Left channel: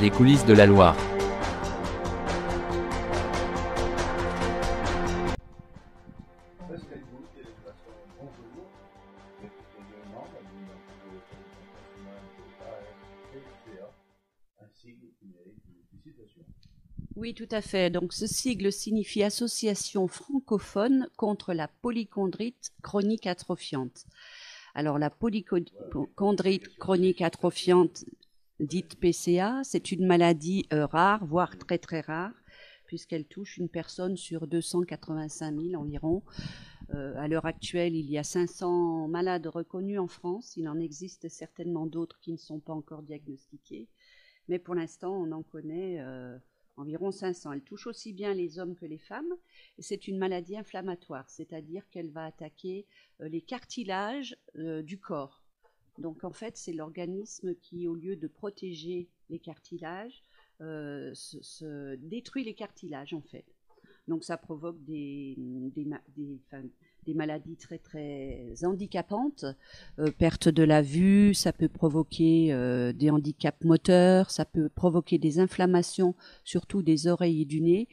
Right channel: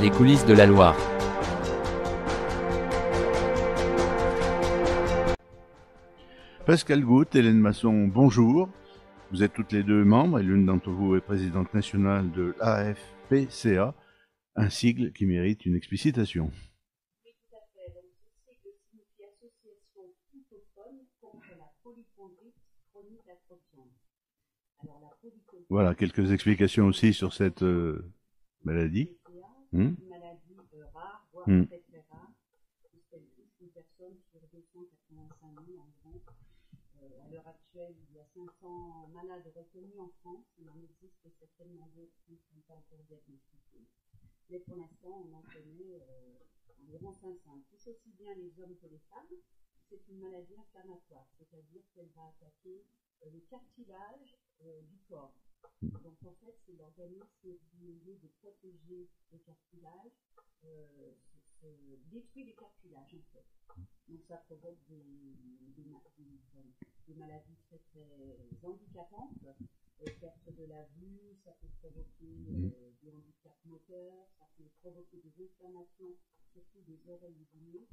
Les coulisses de la Loire. Pascal Goutte, Hélène Masson, bonjour. Vous êtes toutes les deux membres et l'une d'entre vous est présidente nationale de l'AFPCA, un sigle qui mérite une explicitation. Oui, tout à fait. Donc, ce sigle signifie Association francophone contre la polychondrite chronique atrophiante. Alors, la polychondrite Voilà, quelques explications aussi chronique sur cette atrophiante, maladie. dite PCA, c'est une maladie rare, voire Mm. très très rare, puisqu'elle touche une personne sur 285 000 environ. À l'heure actuelle, il y a 500 malades reconnus en France. Il en existe certainement d'autres qui ne sont pas encore diagnostiqués. Mais pour l'instant, on en connaît environ 500. Elle touche aussi bien les hommes que les femmes. Et c'est une maladie inflammatoire, c'est-à-dire qu'elle va attaquer les cartilages du corps. Donc en fait, c'est l'organisme qui, au lieu de protéger les cartilages, se détruit les cartilages en fait. Donc ça provoque des maladies très très handicapantes, perte de la vue, ça peut provoquer des handicaps moteurs, ça peut provoquer des inflammations, surtout des oreilles et du nez.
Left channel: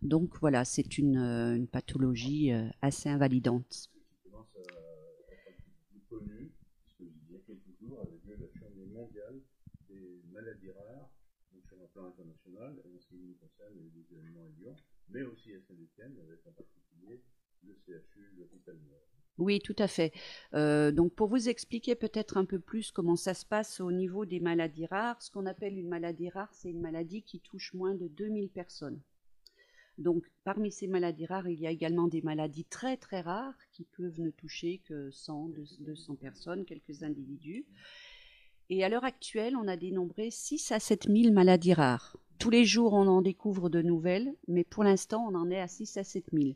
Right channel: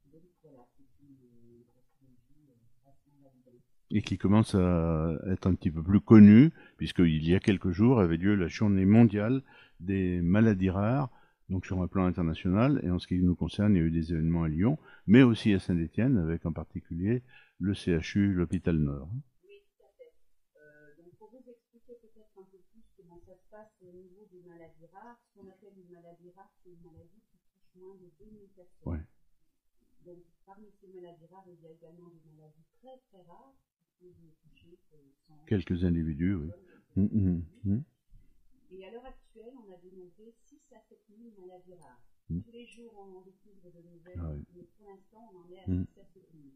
Donc voilà, c'est une pathologie assez invalidante. Et qui commence à être un petit peu plus connue, puisqu'il y a quelques jours avait lieu la journée mondiale des maladies rares, donc sur un plan international. Et en ce qui nous concerne, il y a eu des événements à Lyon, mais aussi à Saint-Étienne, avec en particulier le CHU, l'hôpital Nord. Oui, tout à fait. Donc pour vous expliquer peut-être un peu plus comment ça se passe au niveau des maladies rares, ce qu'on appelle une maladie rare, c'est une maladie qui touche moins de 2000 personnes. Ouais. Donc, parmi ces maladies rares, il y a également des maladies très très rares qui peuvent ne toucher que 100, Quelques individus, personnes, oui. quelques individus. Mmh. Et à l'heure actuelle, on a dénombré 6 à 7 000 maladies rares. Tous les jours, on en découvre de nouvelles, mais pour l'instant, on en est à 6 à 7 000.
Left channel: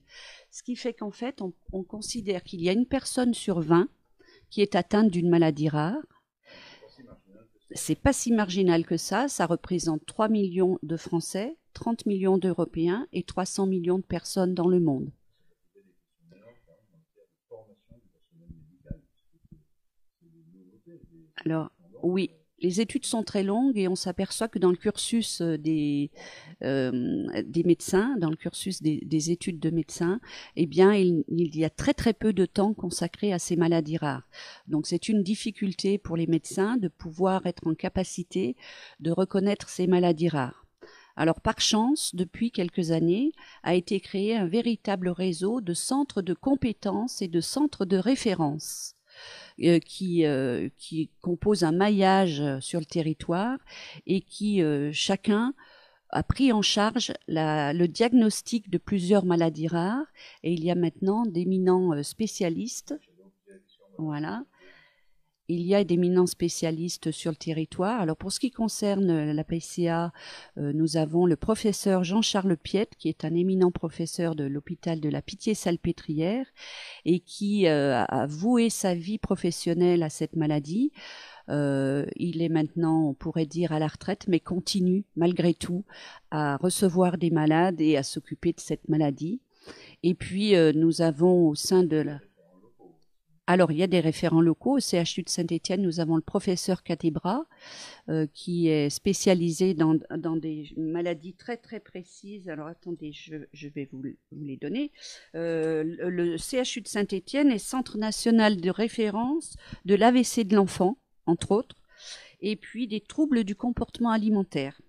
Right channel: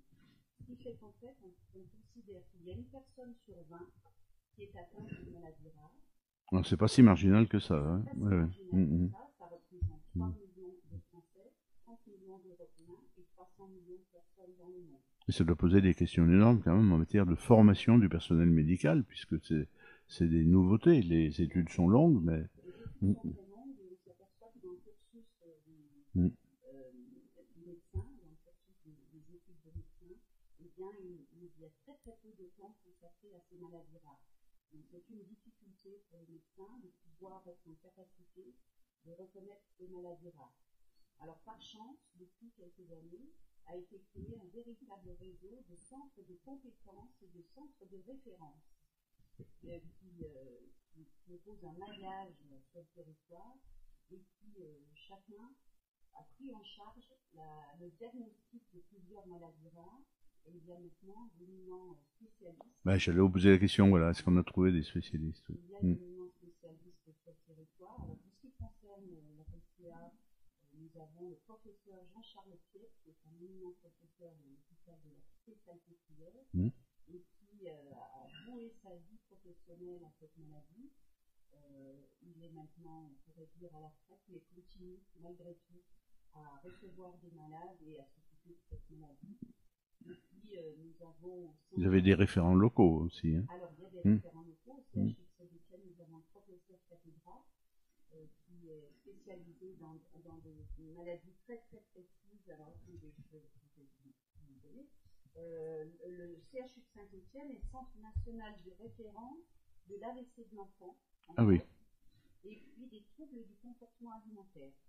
Ce qui fait qu'en fait, on considère qu'il y a une personne sur 20 qui est atteinte d'une maladie rare. C'est pas si marginal que ça. C'est pas si marginal que ça. Ça représente 3 millions de Français, 30 millions d'Européens et 300 millions de personnes dans le monde. Et ça doit poser des questions énormes quand même en matière de formation du personnel médical, puisque c'est des nouveautés. Les études sont longues. Oui, mais... les études sont très longues et on s'aperçoit que dans le cursus des médecins, dans le cursus des études de médecins, eh bien, il y a très très peu de temps consacré à ces maladies rares. Donc c'est une difficulté pour les médecins de pouvoir être en capacité de reconnaître ces maladies rares. Alors, par chance, depuis quelques années, a été créé un véritable réseau de centres de compétences et de centres de référence qui composent un maillage sur le territoire et qui, chacun, a pris en charge le diagnostic de plusieurs maladies rares et il y a maintenant d'éminents spécialistes. J'allais vous poser la question, est-ce qu'on a trouvé des spécialistes? Il y a d'éminents spécialistes sur le territoire. Alors pour ce qui concerne la PCA, nous avons le professeur Jean-Charles Piette, qui est un éminent professeur de l'hôpital de la Pitié-Salpêtrière et qui a voué sa vie professionnelle à cette maladie. Il est maintenant, on pourrait dire, à la retraite, mais continue malgré tout à recevoir des malades et à s'occuper de cette maladie. Et puis, nous avons au sein de... des référents locaux aussi. Alors, il y a des référents locaux. Au CHU de Saint-Étienne, nous avons le professeur Catebra, qui est spécialisé dans des maladies très, très précises. Alors, attendez, je vais vous les donner. Le CHU de Saint-Étienne est Centre national de référence de l'AVC de l'enfant, entre autres, et puis des troubles du comportement alimentaire.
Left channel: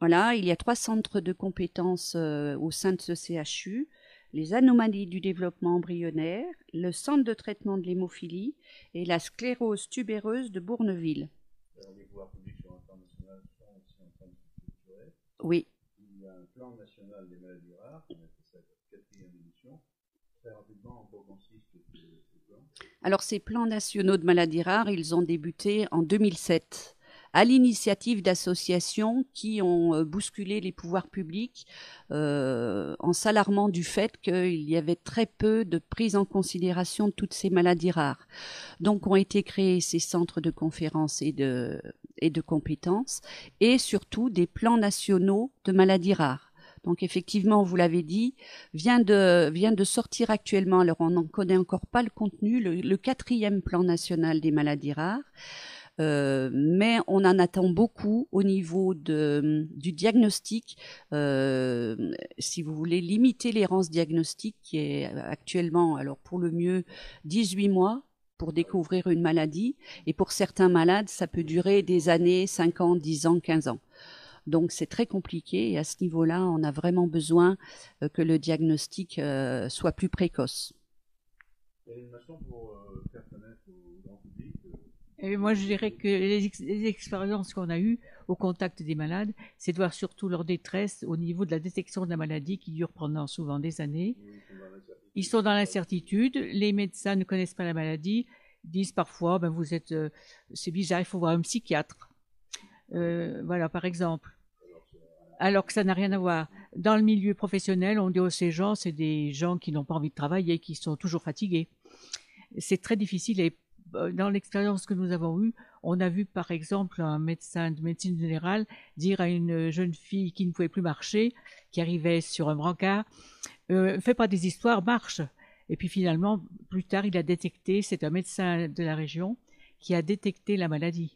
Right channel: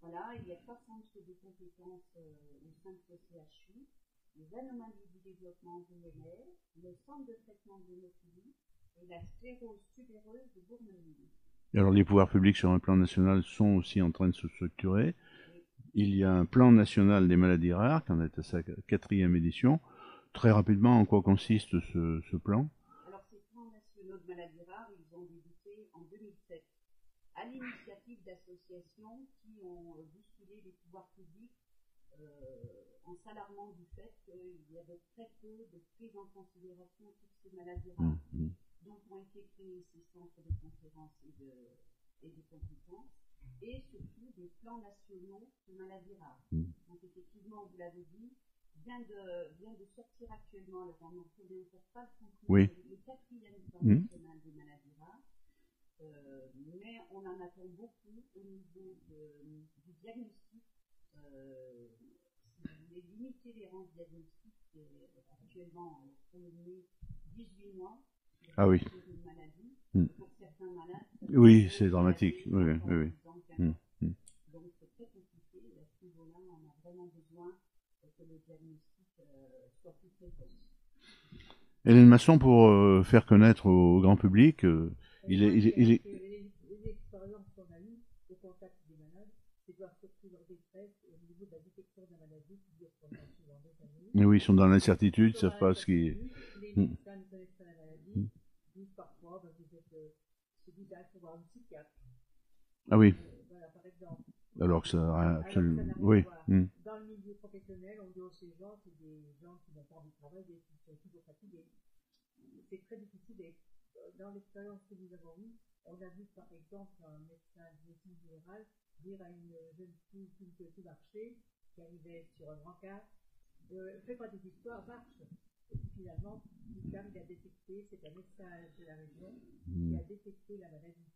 Voilà, il y a 3 centres de compétences au sein de ce CHU, les anomalies du développement embryonnaire, le centre de traitement de l'hémophilie et la sclérose tubéreuse de Bourneville. Et alors les pouvoirs publics sur un plan national sont aussi en train de se structurer. Oui. Il y a un plan national des maladies rares qui en est à sa 4e édition. Très rapidement, en quoi consiste ce plan? Alors ces plans nationaux de maladies rares, ils ont débuté en 2007. À l'initiative d'associations qui ont bousculé les pouvoirs publics en s'alarmant du fait qu'il y avait très peu de prise en considération de toutes ces maladies rares. Donc ont été créés ces centres de conférences et de compétences et surtout des plans nationaux de maladies rares. Donc effectivement, vous l'avez dit, vient de sortir actuellement, alors on n'en connaît encore pas le contenu, le 4e plan national des maladies rares. Mais on en attend beaucoup au niveau du diagnostic. Si vous voulez limiter l'errance diagnostique qui est actuellement, alors pour le mieux, 18 mois pour Ah oui. découvrir une maladie. Mm. Et pour certains malades, ça peut Oui, durer c'est des dramatique. années, Oui, oui, 5 ans, oui, oui. 10 ans, 15 Mm. ans. Mm. Donc c'est très compliqué et à ce niveau-là, on a vraiment besoin que le diagnostic soit plus précoce. Hélène Masson, pour faire connaître au grand public, Et moi, je dirais que les expériences qu'on a eues au contact des malades, c'est de voir surtout leur détresse au niveau de la détection de la maladie qui dure pendant souvent des années. oui, ils sont dans l'incertitude. Ils sont savent dans pas ce qui... l'incertitude. Les Mm. médecins ne connaissent pas la maladie, disent parfois, ben, vous êtes, c'est bizarre, il faut voir un psychiatre. Ah oui, Voilà, par exemple. alors que ça... Alors que ça n'a rien à oui. voir. Mm. Dans le milieu professionnel, on dit aux ces gens, c'est des gens qui n'ont pas envie de travailler, qui sont toujours fatigués. C'est très difficile et dans l'expérience que nous avons eue, on a vu par exemple un médecin de médecine générale dire à une jeune fille qui ne pouvait plus marcher, qui arrivait sur un brancard, fais pas des histoires, marche. Et puis finalement, plus tard, il a détecté, c'est un médecin de la région qui a détecté la maladie.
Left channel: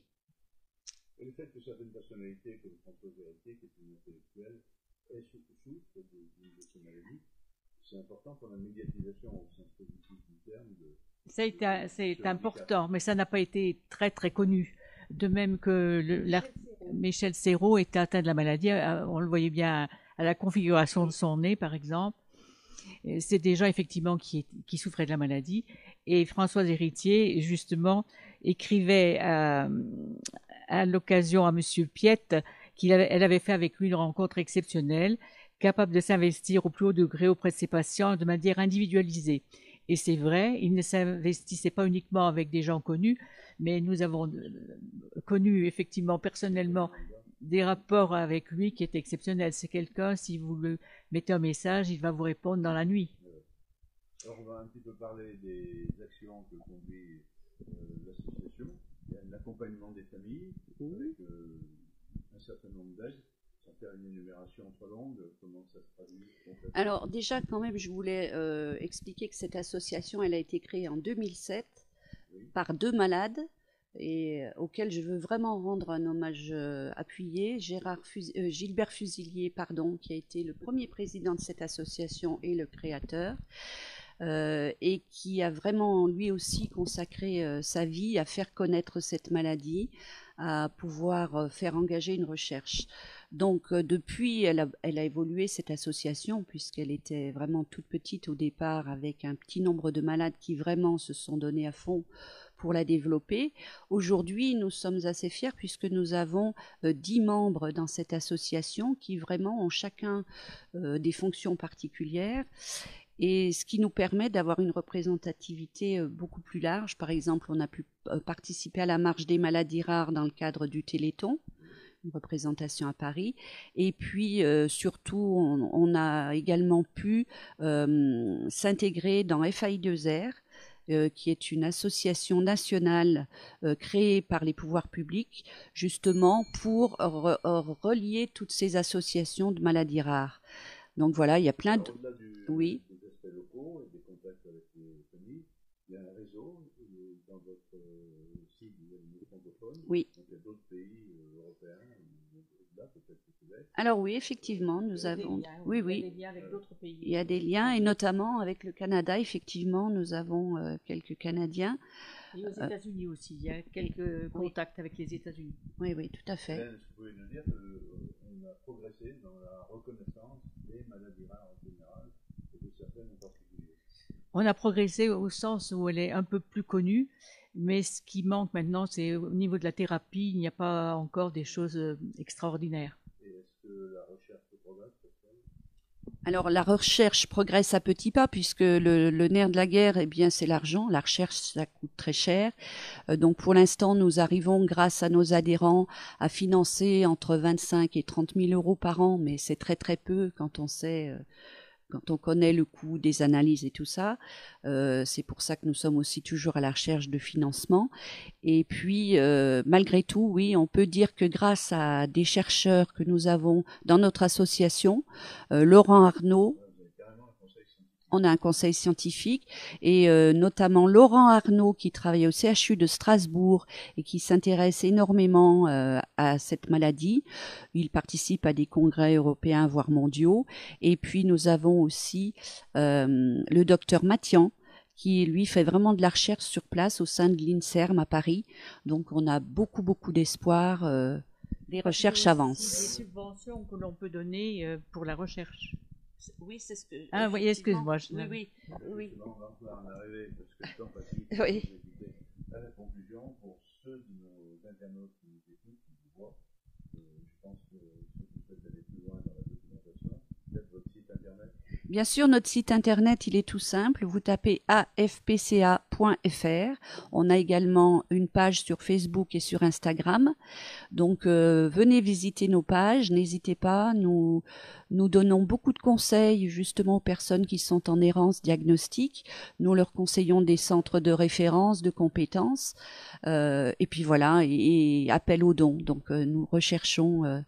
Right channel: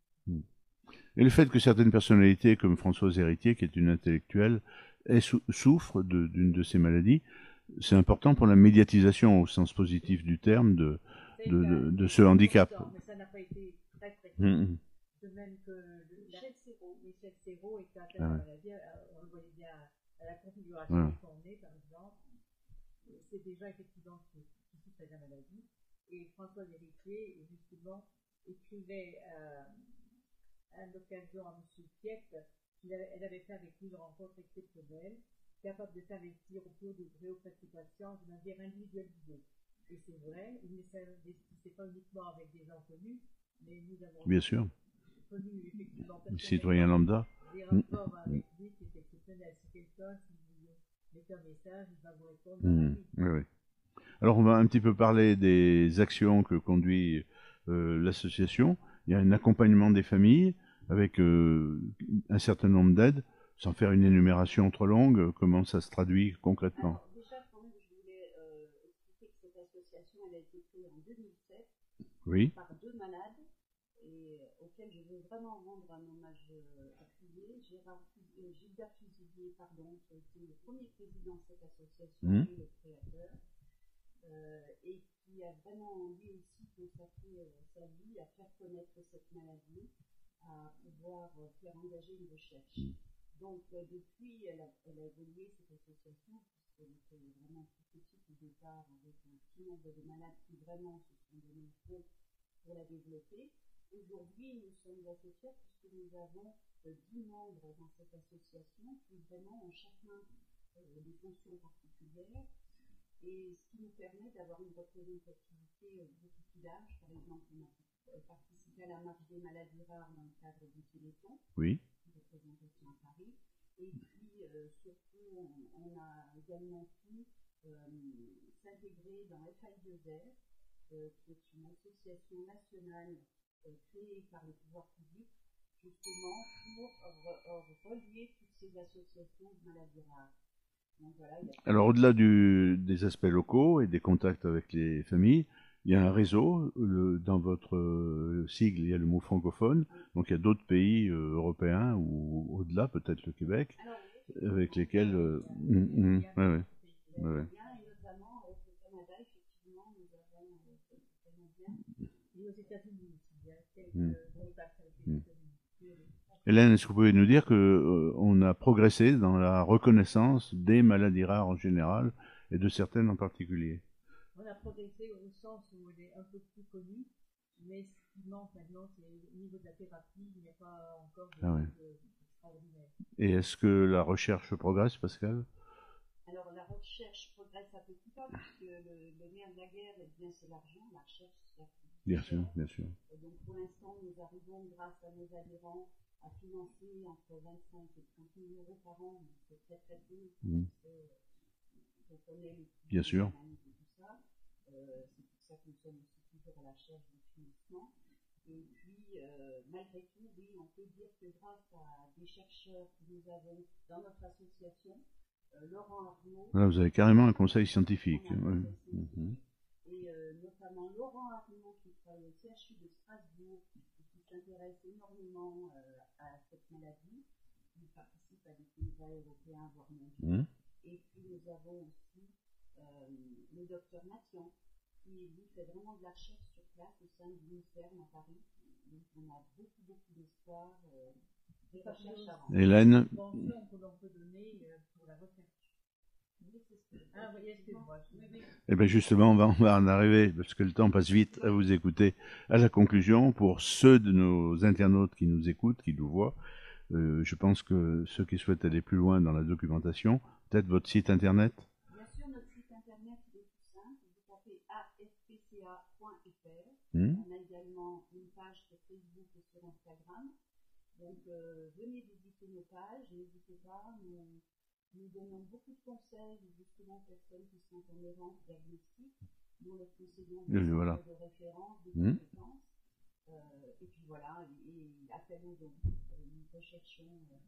Et le fait que certaines personnalités, comme Françoise Héritier, qui est une intellectuelle, souffrent d'une de ces maladies, c'est important pour la médiatisation au sens positif du terme de ce handicap. Important, mais ça n'a pas été très très connu. De même que Michel Serrault était atteint de la maladie, on le voyait bien à la configuration de son nez, par exemple. C'est des gens effectivement qui souffraient de la maladie. Et Françoise Héritier, justement, écrivait à l'occasion à Monsieur Piette elle avait fait avec lui une rencontre exceptionnelle, capable de s'investir au plus haut degré auprès de ses patients de manière individualisée. Et c'est vrai, il ne s'investissait pas uniquement avec des gens connus, mais nous avons connu effectivement personnellement des rapports avec lui qui étaient exceptionnels. C'est quelqu'un, si vous le mettez un message, il va vous répondre dans la nuit. Oui, oui. Alors on va un petit peu parler des actions que conduit l'association. Il y a un accompagnement des familles avec un certain nombre d'aides. Sans faire une énumération trop longue, comment ça se traduit concrètement? Alors déjà, quand même, je voulais expliquer que cette association, elle a été créée en 2007 par 2 malades et auxquels je veux vraiment rendre un hommage appuyé. Gilbert Fusilier, qui a été le premier président de cette association et le créateur. Et qui a vraiment lui aussi consacré sa vie à faire connaître cette maladie, à pouvoir faire engager une recherche. Donc depuis, elle a évolué cette association puisqu'elle était vraiment toute petite au départ avec un petit nombre de malades qui vraiment se sont donnés à fond pour la développer. Aujourd'hui, nous sommes assez fiers puisque nous avons 10 membres dans cette association qui vraiment ont chacun des fonctions particulières. Et ce qui nous permet d'avoir une représentativité beaucoup plus large. Par exemple, on a pu participer à la marche des maladies rares dans le cadre du Téléthon, une représentation à Paris. Et puis, surtout, on a également pu s'intégrer dans FAI2R, qui est une association nationale créée par les pouvoirs publics, justement pour relier toutes ces associations de maladies rares. Donc voilà, il y a plein au-delà des aspects locaux et des contacts avec les familles, il y a un réseau. Dans votre sigle, il y a le mot francophone. Donc il y a d'autres pays européens ou au-delà, peut-être le Québec. Alors oui, effectivement, avec lesquels, il y a des liens, et notamment avec le Canada, effectivement, nous avons quelques Canadiens. Et aux États-Unis aussi, il y a quelques contacts avec les États-Unis. Oui, tout à fait. Hélène, est-ce que vous pouvez nous dire qu'on a progressé dans la reconnaissance des maladies rares en général et de certaines en particulier? On a progressé au sens où elle est un peu plus connue, mais ce qui manque maintenant, c'est au niveau de la thérapie, il n'y a pas encore des choses extraordinaires. Et est-ce que la recherche progresse, Pascal? Alors la recherche progresse à petits pas puisque le nerf de la guerre, c'est l'argent. La recherche, ça coûte très cher. Donc pour l'instant, nous arrivons grâce à nos adhérents à financer entre 25 et 30 000 euros par an, mais c'est très très peu quand on sait... quand on connaît le coût des analyses et tout ça. C'est pour ça que nous sommes aussi toujours à la recherche de financement. Et puis, malgré tout, oui, on peut dire que grâce à des chercheurs que nous avons dans notre association, Laurent Arnaud, là, vous avez carrément un conseil scientifique. on a un conseil scientifique, et notamment Laurent Arnaud qui travaille au CHU de Strasbourg et qui s'intéresse énormément à cette maladie. Il participe à des congrès européens, voire mondiaux. Et puis nous avons aussi le docteur Mathian, qui lui fait vraiment de la recherche sur place au sein de l'INSERM à Paris. Donc on a beaucoup d'espoir. Les recherches avancent. Hélène, subventions que l'on peut donner pour la recherche. Oui, c'est ce que. Ah oui, excuse-moi. Oui. eh bien justement, on va en arriver, parce que le temps passe vite, à Oui. vous écouter, à la conclusion. Pour ceux de nos internautes qui nous écoutent, qui nous voient, je pense que ceux qui souhaitent aller plus loin dans la documentation, peut-être votre site internet. Bien sûr, notre site internet, il est tout simple. Vous tapez afpca.fr. On a également une page sur Facebook et sur Instagram. Donc, venez visiter nos pages. N'hésitez pas. Nous donnons beaucoup de conseils justement aux personnes qui sont en errance diagnostique. Nous leur conseillons des centres de référence, de compétences. Et puis voilà, et appel aux dons. Donc, nous recherchons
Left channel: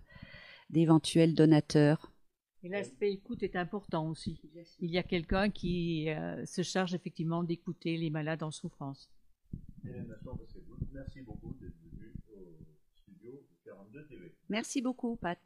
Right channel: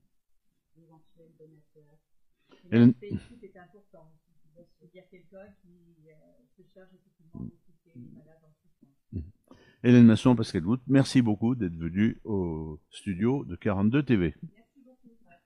d'éventuels donateurs. L'aspect écoute est important aussi. Il y a quelqu'un qui se charge effectivement d'écouter les malades en souffrance. Hélène Masson, Pascal Goutte, merci beaucoup d'être venu au studio de 42 TV. Merci beaucoup, Pat.